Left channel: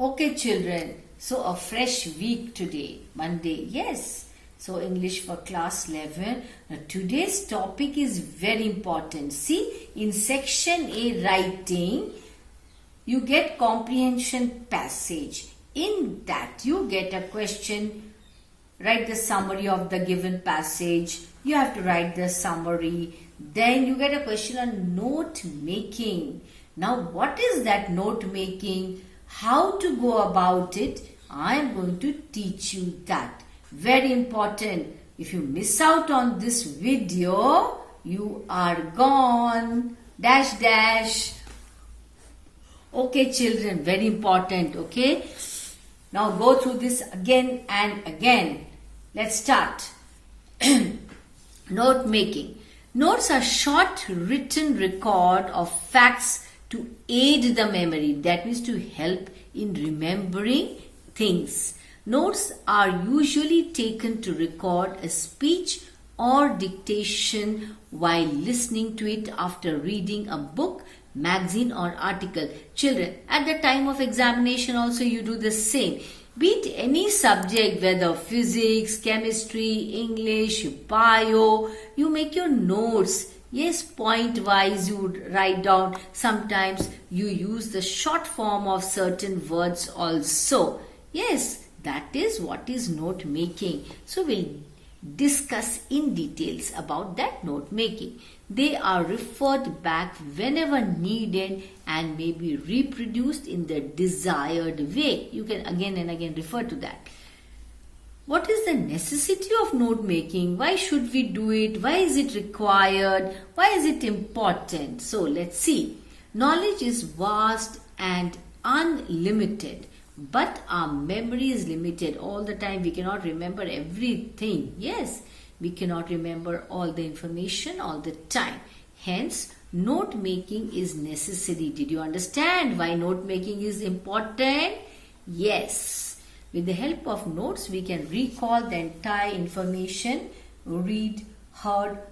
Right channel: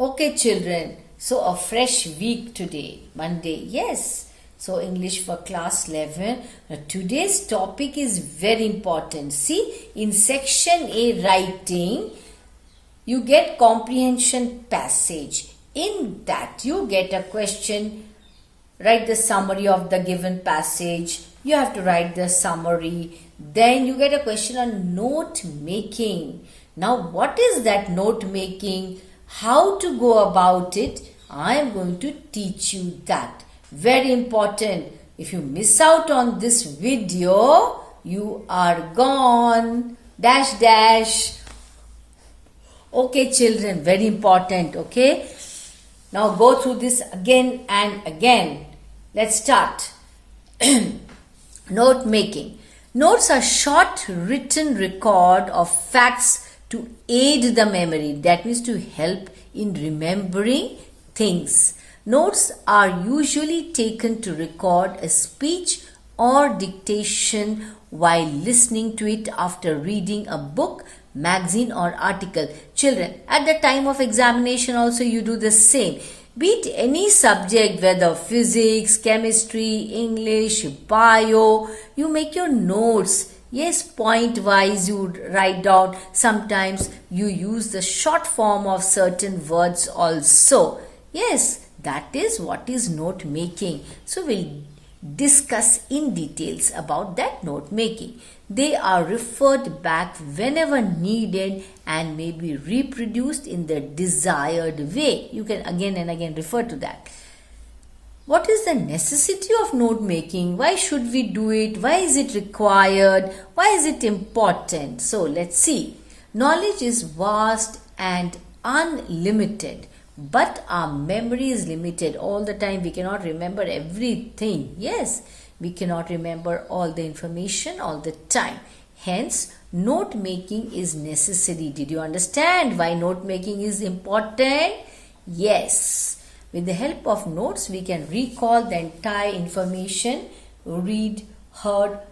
Okay, children. So a fresh week today, Monday. Yes. So English for class 11. Now, today's topic is very important. See, in section A writing, you get comprehension passage. In that, you get a question. Write the summary of the given passage. You have to write the summary. Then you get a question on note making. Now, what is that note making? How to go about it? I am going to teach you that. Very important. If you miss out on this video, you are gone. Dash dash. Okay, children, very important. Okay. Now go through this again and again. Let's start. Note making. Notes are short written record of facts to aid the memory. That means to help in remembering things. Notes are usually taken to record a speech or dictation while listening to it after reading a book, magazine or article. Children, at the time of examination also you do the same. Be it any subject, whether physics, chemistry, English, bio, you make your notes. Yes, point wise you write down. Sometimes you use the short form of certain words also. Yes, that is what is note making. So we'll discuss in details about that note making. They are referred back whenever needed and may be reproduced in the desired way. You can again and again refer to that. What is the necessity of note making? Why should we do it? Why is it required? Why is it important? So let's see. Knowledge is vast and unlimited, but our memory is limited. All the time we cannot remember everything. Yes, we cannot remember all the information all the time. Hence, note making is necessary. Did you understand why note making is important? Yes. With the help of notes, we can recall the entire information read or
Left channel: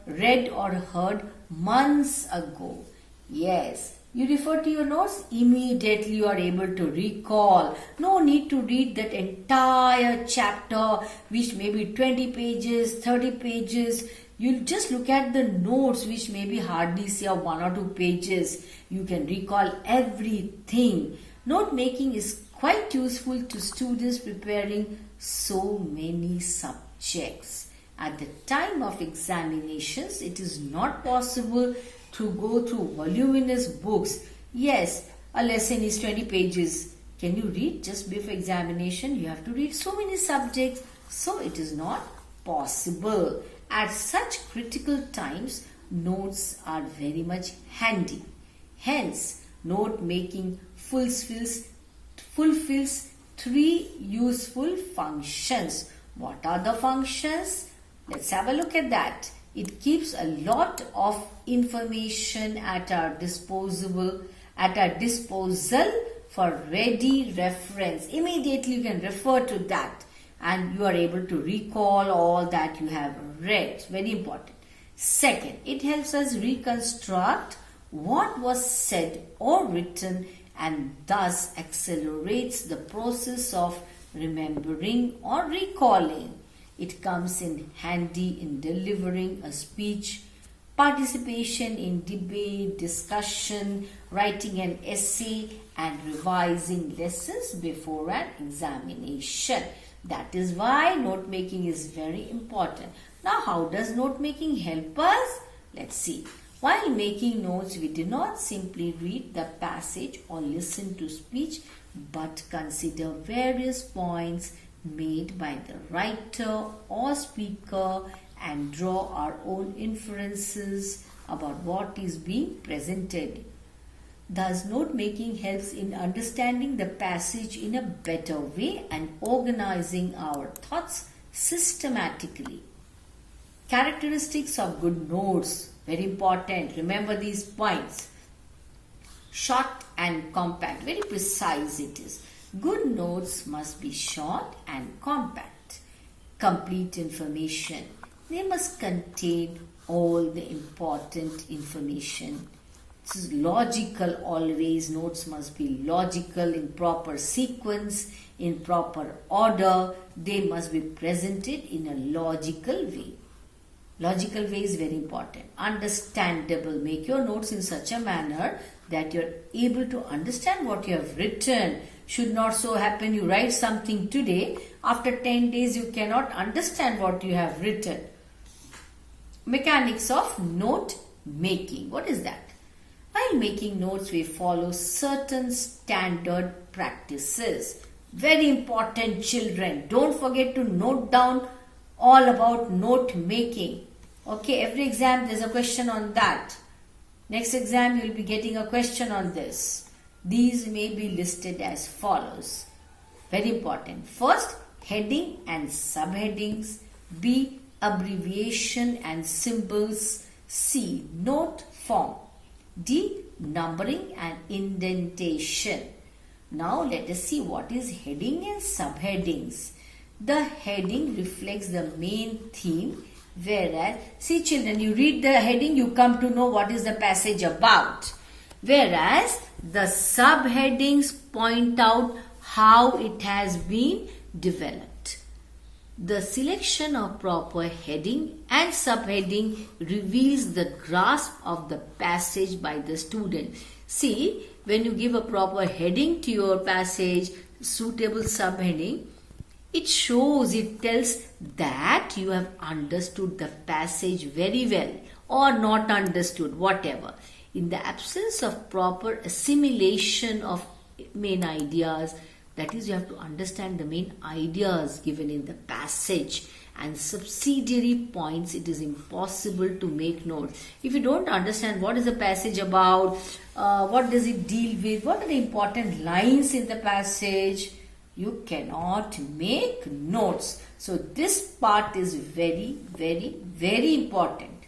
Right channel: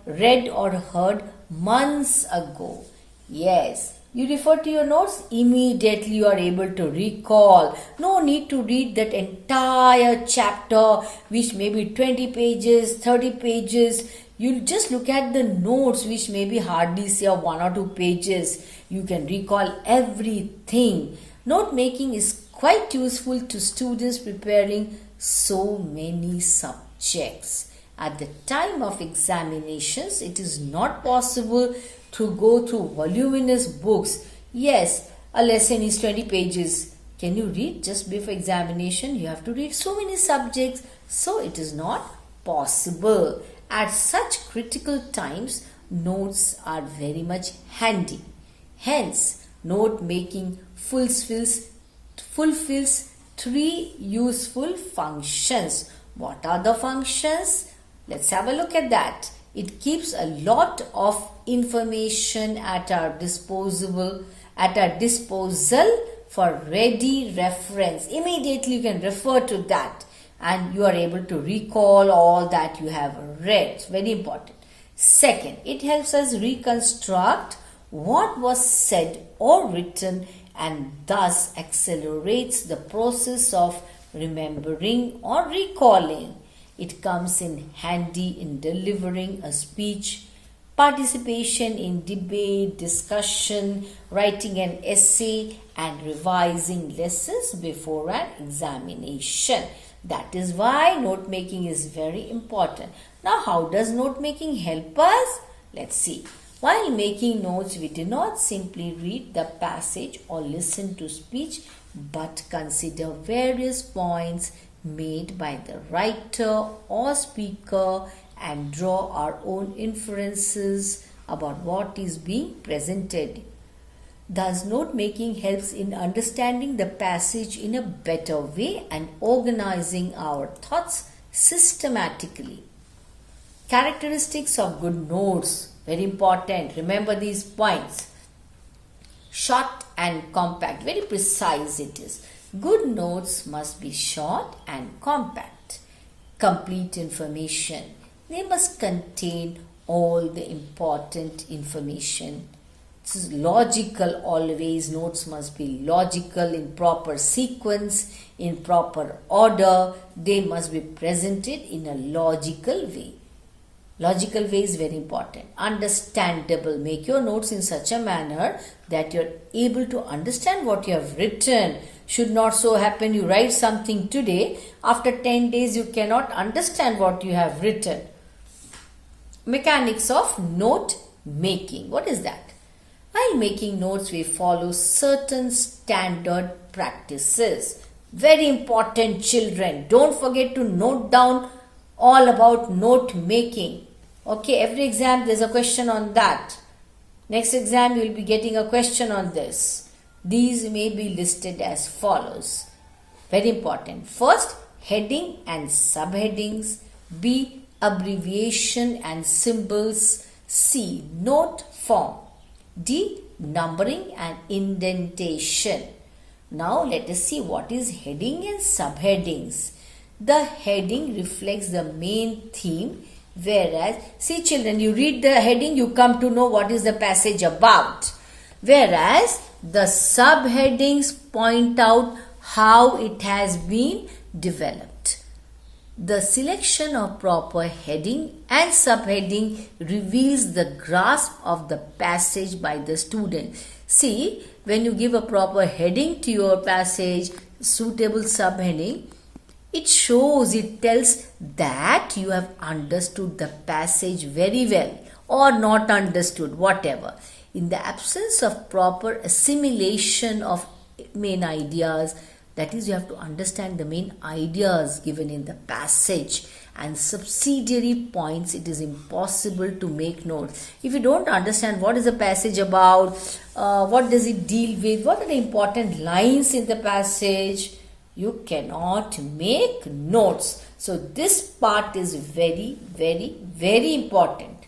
heard months ago. Yes. You refer to your notes, immediately you are able to recall. No need to read that entire chapter, which may be 20 pages, 30 pages. You just look at the notes, which may be hardly say 1 or 2 pages. You can recall everything. Note making is quite useful to students preparing so many subjects. At the time of examinations, it is not possible to go through voluminous books. Yes, a lesson is 20 pages. Can you read just before examination? You have to read so many subjects. So it is not possible. At such critical times, notes are very much handy. Hence, note making fulfills 3 useful functions. What are the functions? Let's have a look at that. It keeps a lot of information at our disposal for ready reference. Immediately you can refer to that and you are able to recall all that you have read. It's very important. Second, it helps us reconstruct what was said or written and thus accelerates the process of remembering or recalling. It comes in handy in delivering a speech, participation in debate, discussion, writing an essay, and revising lessons before an examination. That is why note making is very important. Now, how does note making help us? Let's see. While making notes, we do not simply read the passage or listen to speech, but consider various points made by the writer or speaker and draw our own inferences about what is being presented. Thus, note making helps in understanding the passage in a better way and organizing our thoughts systematically. Characteristics of good notes. Very important. Remember these points. Short and compact. Very precise it is. Good notes must be short and compact. Complete information. They must contain all the important information. logical always. Notes must be logical, in proper sequence, in proper order. They must be presented in a logical way. Logical way is very important. Understandable. Make your notes in such a manner that you're able to understand what you have written. Should not so happen you write something today, after 10 days you cannot understand what you have written. Mechanics of note making. What is that? While making notes, we follow certain standard practices. Very important, children. Don't forget to note down all about note making. Okay, every exam there's a question on that. Next exam you will be getting a question on this. These may be listed as follows. Very important. First, heading and subheadings. B, abbreviation and symbols. C, note form. D, numbering and indentation. Now let us see what is heading and subheadings. The heading reflects the main theme, whereas, see children, you read the heading, you come to know what is the passage about. Whereas the subheadings point out how it has been developed. The selection of proper heading and subheading reveals the grasp of the passage by the student. See, when you give a proper heading to your passage, suitable subheading, it shows, it tells that you have understood the passage very well or not understood, whatever. In the absence of proper assimilation of main ideas, that is, you have to understand the main ideas given in the passage and subsidiary points, it is impossible to make notes. If you don't understand what is the passage about, what does it deal with, what are the important lines in the passage, you cannot make notes. So this part is very, very, very important.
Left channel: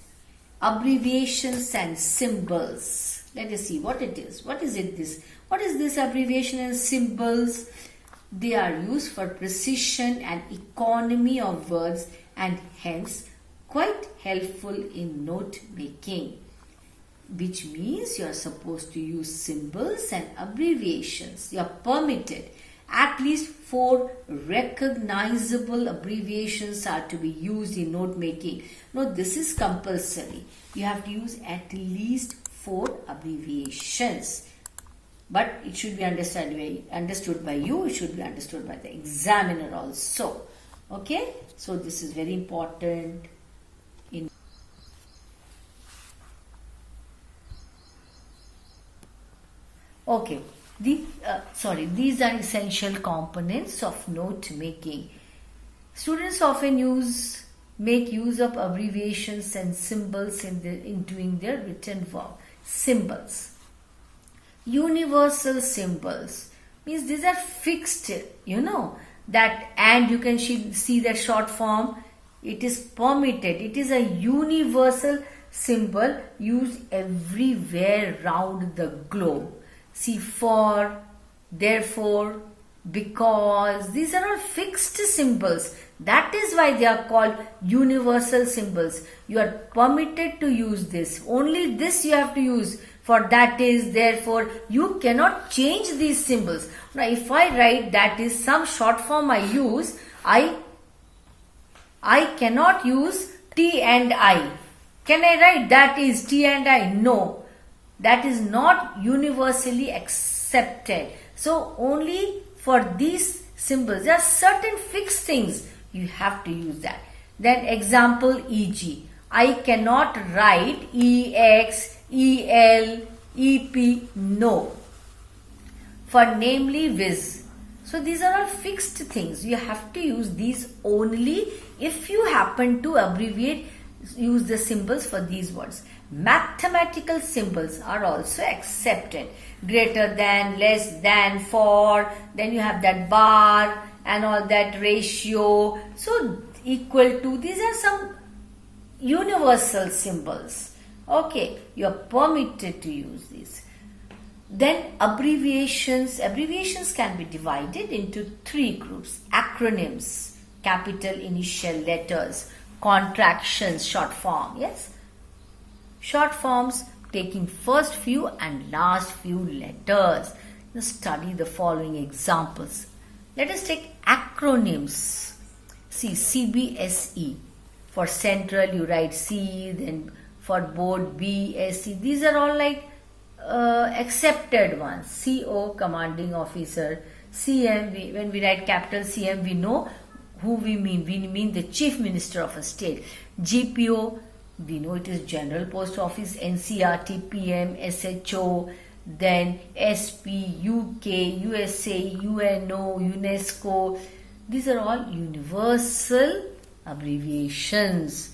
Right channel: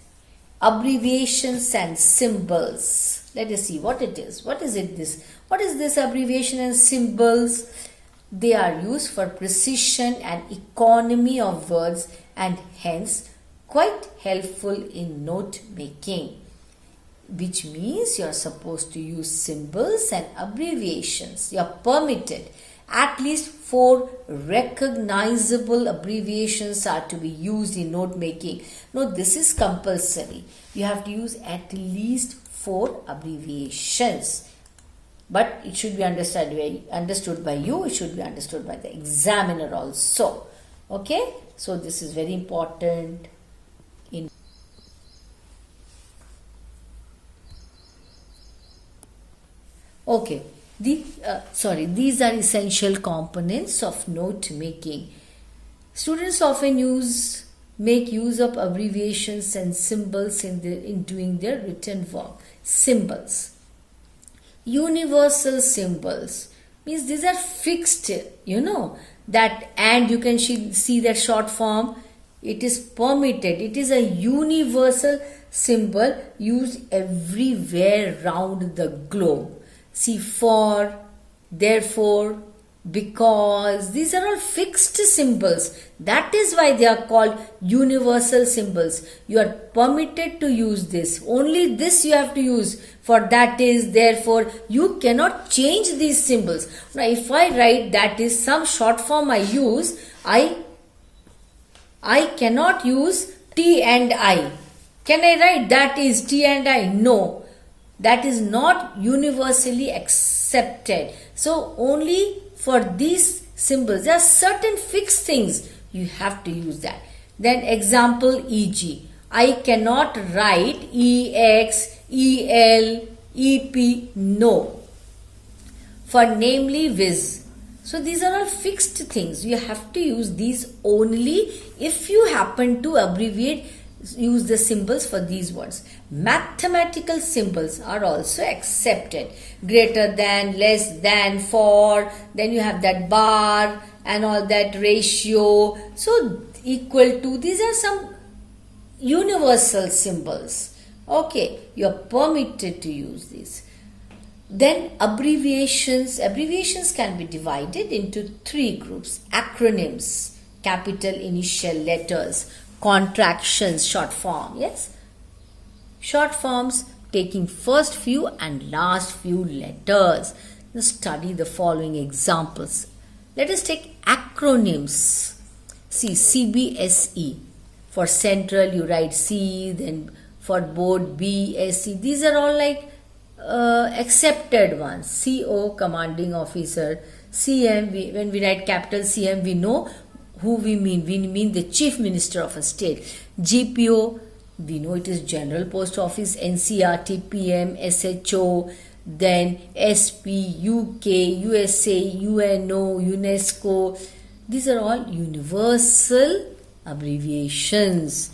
Abbreviations and symbols. Let us see what it is. What is it this? What is this abbreviation and symbols? They are used for precision and economy of words and hence quite helpful in note making. Which means you are supposed to use symbols and abbreviations. You are permitted. At least 4 recognizable abbreviations are to be used in note making. No, this is compulsory. You have to use at least 4 abbreviations. But it should be understood by you. It should be understood by the examiner also. Okay? So this is very important. Okay. These are essential components of note making. Students often make use of abbreviations and symbols in doing their written work. Symbols. Universal symbols means these are fixed, that, and you can see that short form. It is permitted. It is a universal symbol used everywhere round the globe. See, for, therefore, because, these are all fixed symbols. That is why they are called universal symbols. You are permitted to use this. Only this you have to use. For, that is, therefore, you cannot change these symbols. Now, if I write that is some short form I use, I cannot use T and I. Can I write that is T and I? No. That is not universally accepted. So only for these symbols, there are certain fixed things, you have to use that. Then example, e.g. I cannot write EX, EL, EP, no. For namely, viz. So these are all fixed things. You have to use these only if you happen to abbreviate, use the symbols for these words. Mathematical symbols are also accepted. Greater than, less than, for, then you have that bar and all that, ratio. So equal to, these are some universal symbols. Okay, you are permitted to use these. Then abbreviations. Abbreviations can be divided into 3 groups. Acronyms, capital initial letters. Contractions, short form, yes. Short forms, taking first few and last few letters. Now study the following examples. Let us take acronyms. See, CBSE. For central, you write C, then for board, B, SC. These are all like accepted ones. CO, commanding officer. CM, when we write capital CM, we know who we mean. We mean the chief minister of a state. GPO, we know it is General Post Office. NCRT, PM, SHO. Then SP, UK, USA, UNO, UNESCO. These are all universal abbreviations,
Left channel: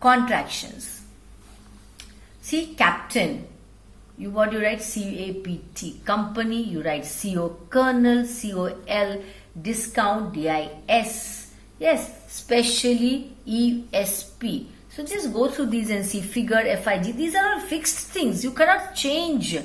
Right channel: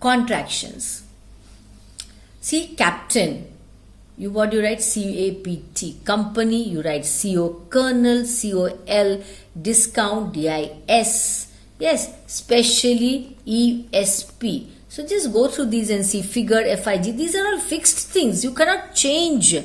contractions. See, captain, what do you write? CAPT. Company, you write CO. Colonel, COL. Discount, DIS. Yes, specially, ESP. So just go through these and see. Figure, FIG. These are all fixed things. You cannot change.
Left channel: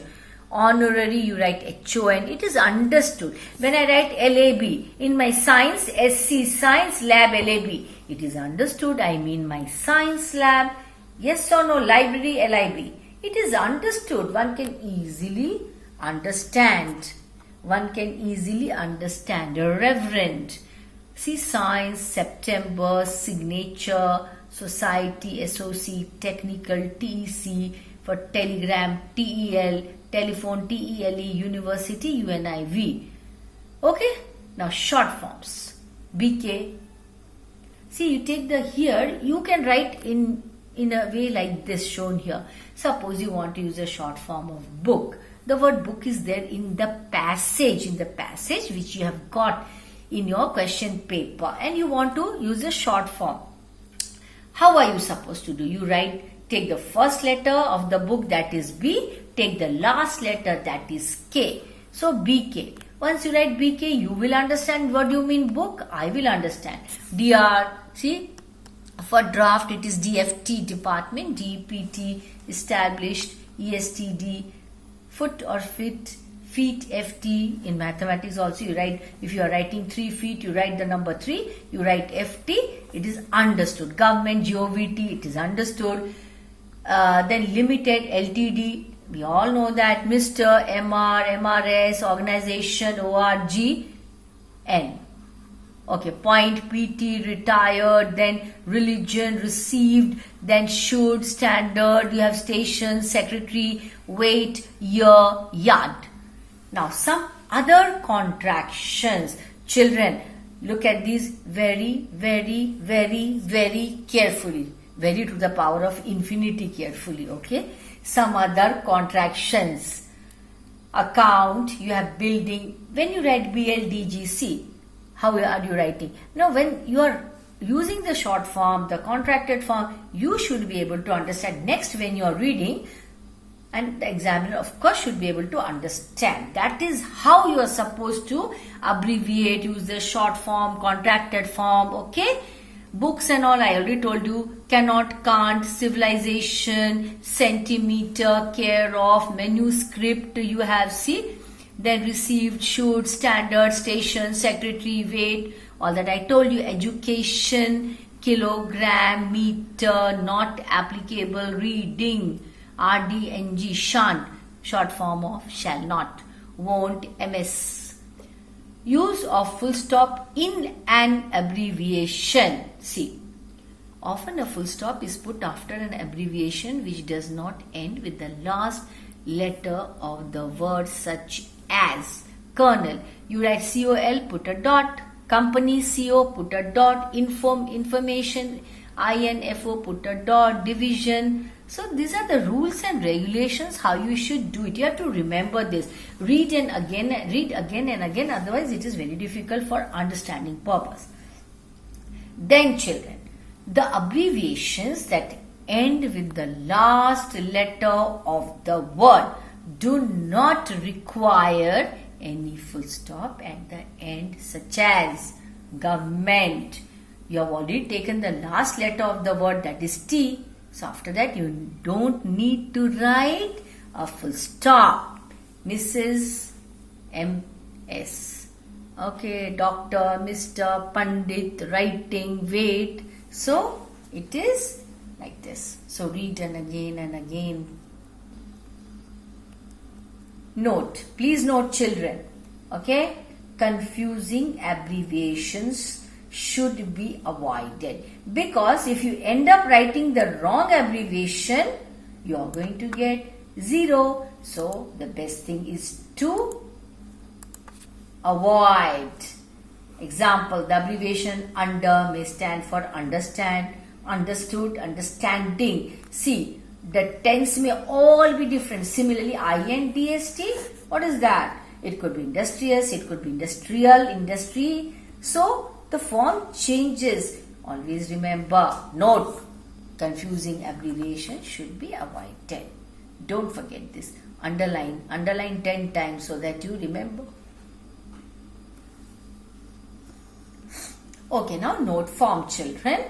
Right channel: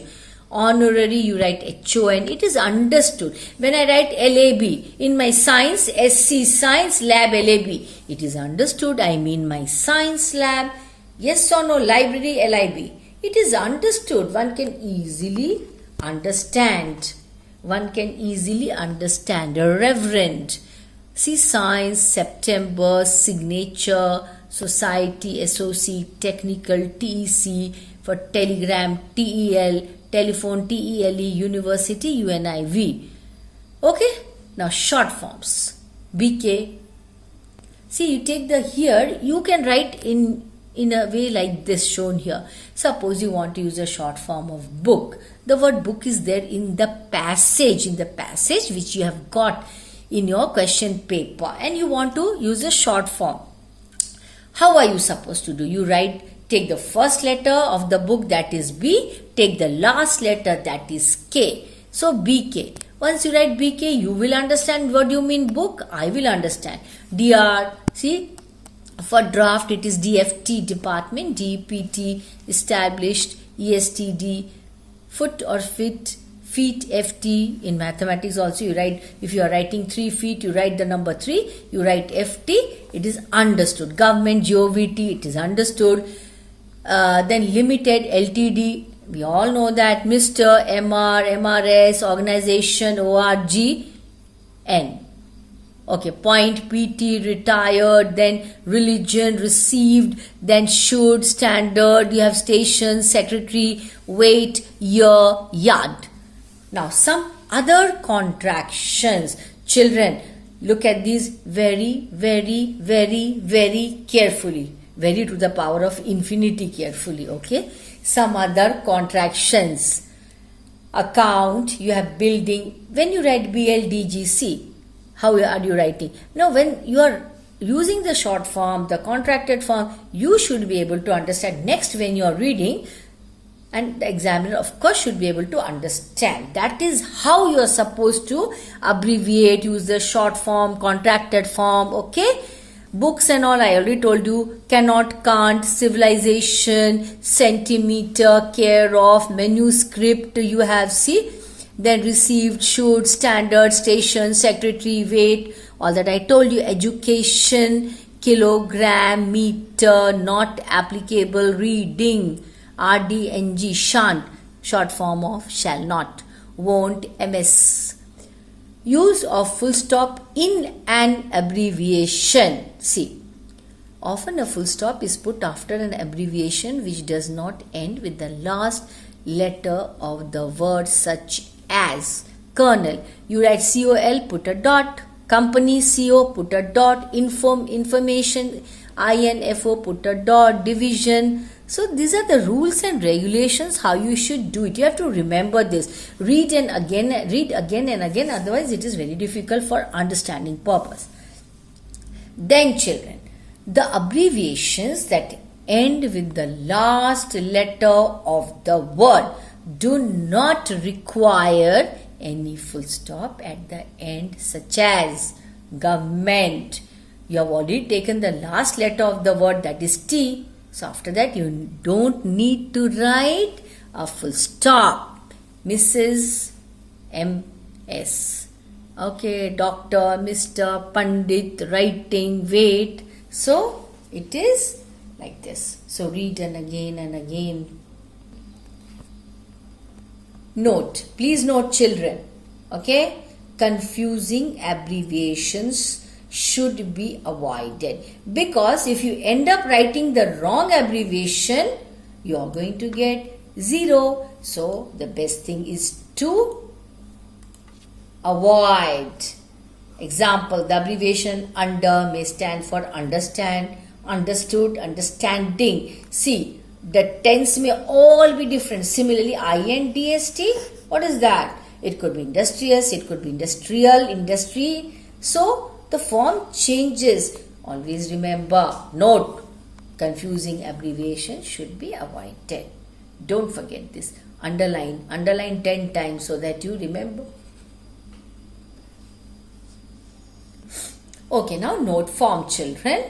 Honorary, you write HON. It is understood. When I write LAB in my science, SC, science lab, LAB. It is understood. I mean my science lab. Yes or no? Library, LIB. It is understood. One can easily understand. One can easily understand. Reverend. See, science, September, signature, society, SOC, technical, TEC, for telegram, TEL, telephone, TELE, university, UNIV. Okay, now short forms. BK. See, you take the here, you can write in a way like this shown here. Suppose you want to use a short form of book. The word book is there in the passage which you have got in your question paper, and you want to use a short form. How are you supposed to do? You write, take the first letter of the book, that is B, take the last letter, that is K. So BK. Once you write BK, you will understand what you mean book. I will understand. DR, see, for draft it is DFT, department. DPT, established. ESTD, foot or feet. Feet, FT. In mathematics also you write, if you are writing 3 feet, you write the number 3. You write FT, it is understood. Government, GOVT, it is understood. Then limited, LTD, we all know that. Mr., MR, MRS, organization, ORG, N. Okay, point, PT, retired, then religion, received, then should, standard, you have station, secretary, weight, year, yard. Now some other contractions. Children, look at these very, very, very, very carefully. Very to the power of infinity carefully, okay? Some other contractions. Account, you have building. When you write BLDGC, how are you writing? Now, when you are using the short form, the contracted form, you should be able to understand. Next, when you are reading, and the examiner, of course, should be able to understand. That is how you are supposed to abbreviate, use the short form, contracted form, okay? Books and all, I already told you, cannot, can't, civilization, centimeter, care of, manuscript, you have, see, then received, should, standard, station, secretary, weight, all that I told you, education, kilogram, meter, not applicable, reading, RDNG, shan't, short form of shall not, won't, MS. Use of full stop in an abbreviation. See, often a full stop is put after an abbreviation which does not end with the last letter of the word, such as Colonel. You write COL, put a dot. Company, CO, put a dot. Information, INFO, put a dot. Division. So these are the rules and regulations how you should do it. You have to remember this. Read again and again. Otherwise it is very difficult for understanding purpose. Then children, the abbreviations that end with the last letter of the word do not require any full stop at the end, such as government. You have already taken the last letter of the word, that is T. So after that you don't need to write a full stop. Mrs. MS. Okay, Doctor, Mr. Pandit, writing, wait. So it is like this. So read and again and again. Note, please note children, okay? Confusing abbreviations should be avoided, because if you end up writing the wrong abbreviation, you are going to get 0. So the best thing is to avoid. Example, the abbreviation under may stand for understand, understood, understanding. See, the tense may all be different. Similarly, INDST, what is that? It could be industrious, it could be industrial, industry. So the form changes. Always remember, note, confusing abbreviation should be avoided. Don't forget this. Underline 10 times so that you remember. Okay, now note form, children.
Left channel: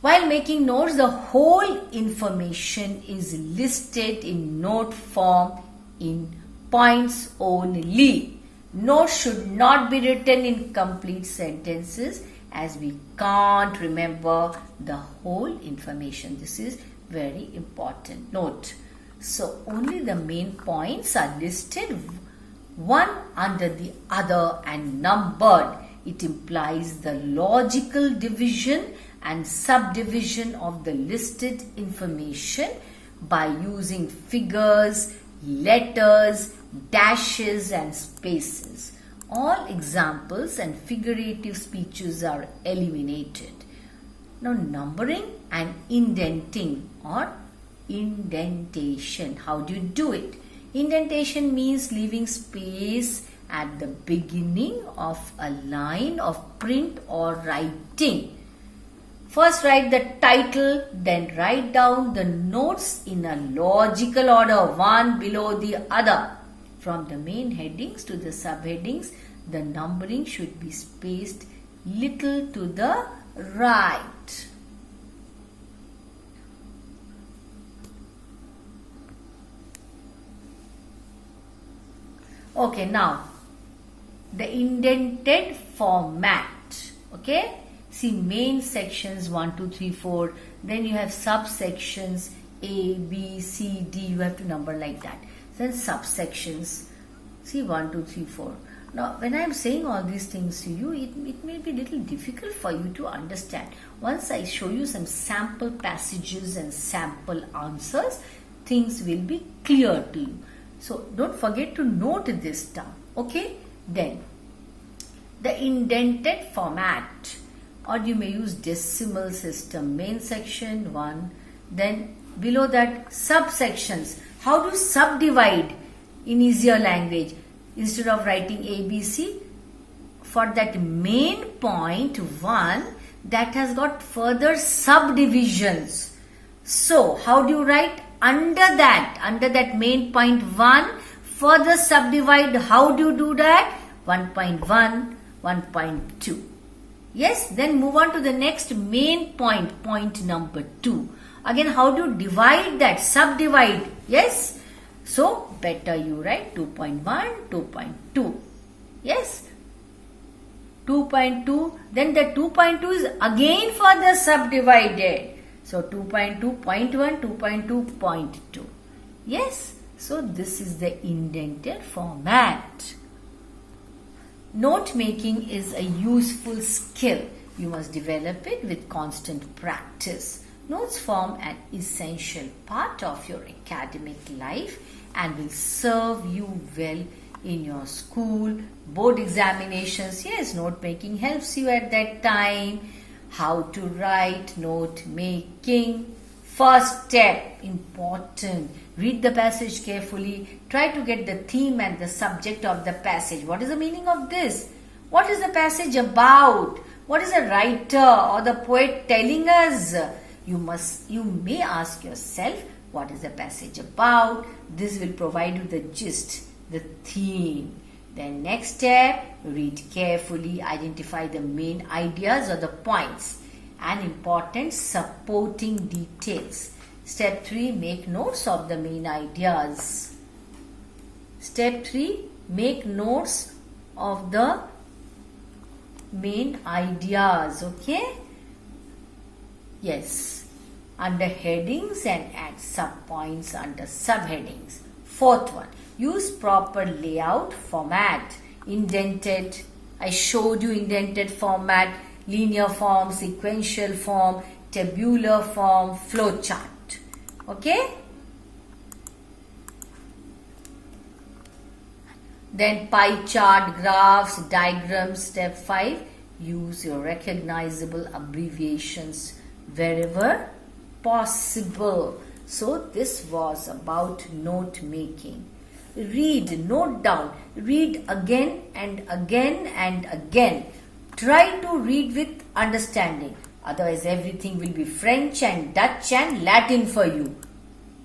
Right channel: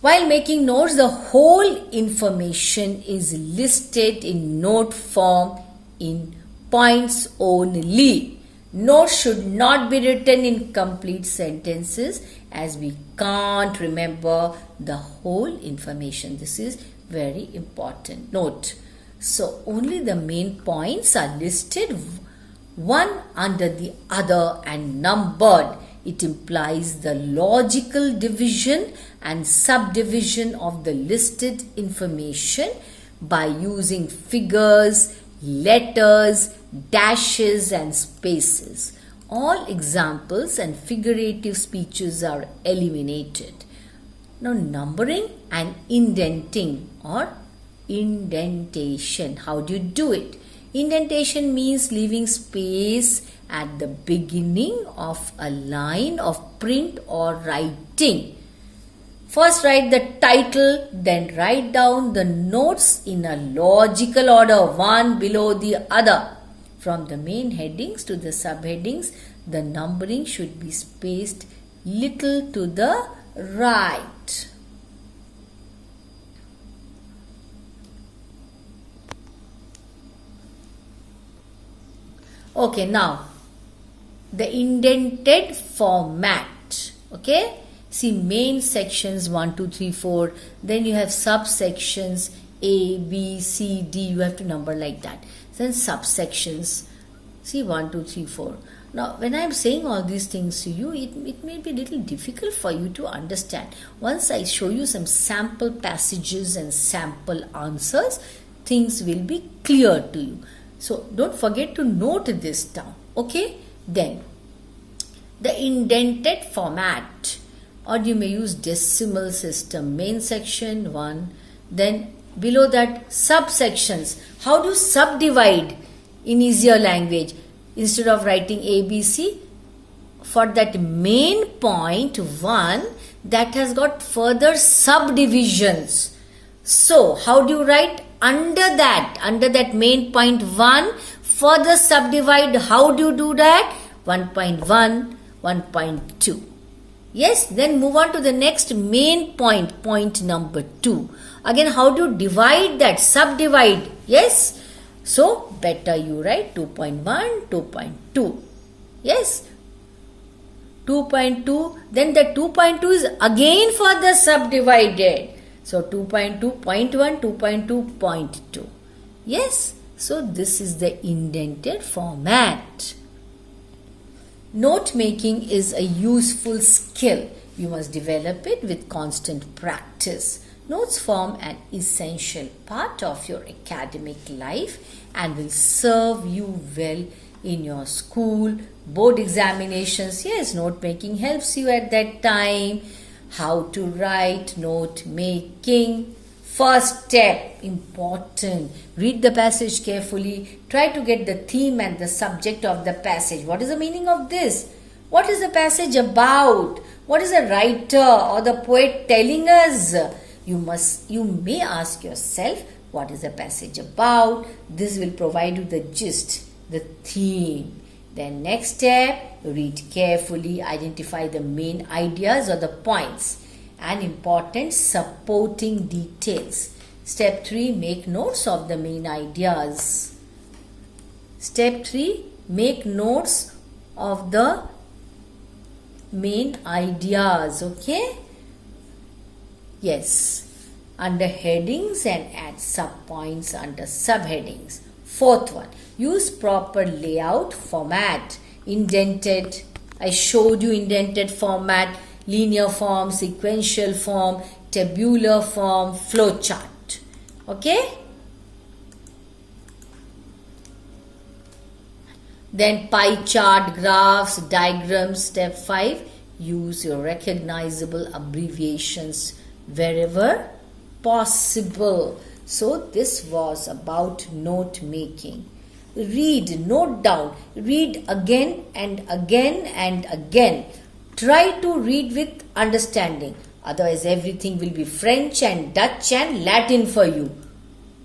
While making notes, the whole information is listed in note form in points only. Notes should not be written in complete sentences, as we can't remember the whole information. This is very important. Note. So only the main points are listed one under the other and numbered. It implies the logical division and subdivision of the listed information by using figures, letters, dashes and spaces. All examples and figurative speeches are eliminated. Now numbering and indenting or indentation. How do you do it? Indentation means leaving space at the beginning of a line of print or writing. First write the title, then write down the notes in a logical order, one below the other. From the main headings to the subheadings, the numbering should be spaced little to the right. Okay, now the indented format. Okay, see main sections 1, 2, 3, 4. Then you have subsections A, B, C, D. You have to number like that. Then subsections. See 1, 2, 3, 4. Now, when I am saying all these things to you, it may be a little difficult for you to understand. Once I show you some sample passages and sample answers, things will be clear to you. So, don't forget to note this down. Okay? Then, the indented format, or you may use decimal system. Main section 1. Then, below that, subsections. How do you subdivide in easier language? Instead of writing ABC, for that main point 1, that has got further subdivisions. So, how do you write? Under that main point 1, further subdivide. How do you do that? 1.1, 1.2. Yes, then move on to the next main point, point number 2. Again, how do you divide that? Subdivide. Yes. So, better you write 2.1, 2.2. Yes. 2.2. Then the 2.2 is again further subdivided. So, 2.2.1, 2.2.2. Yes. So, this is the indented format. Note making is a useful skill. You must develop it with constant practice. Notes form an essential part of your academic life and will serve you well in your school, board examinations. Yes, note making helps you at that time. How to write note making. First step, important. Read the passage carefully. Try to get the theme and the subject of the passage. What is the meaning of this? What is the passage about? What is the writer or the poet telling us? You may ask yourself, what is the passage about? This will provide you the gist, the theme. Then next step, read carefully, identify the main ideas or the points and important supporting details. Step 3, make notes of the main ideas. Step 3, make notes of the main ideas. Okay? Yes. Under headings and add subpoints under subheadings. Fourth one, Use proper layout format. Indented. I showed you indented format, linear form, sequential form, tabular form, flowchart. Okay? Then pie chart, graphs, diagrams. Step 5. Use your recognizable abbreviations wherever possible. So this was about note making. Read, note down, read again and again and again. Try to read with understanding. Otherwise everything will be French and Dutch and Latin for you.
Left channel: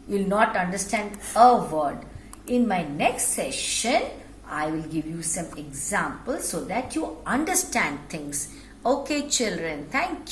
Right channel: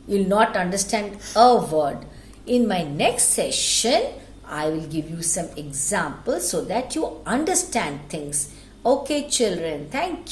You will not understand a word. In my next session, I will give you some examples so that you understand things. Okay, children, thank you.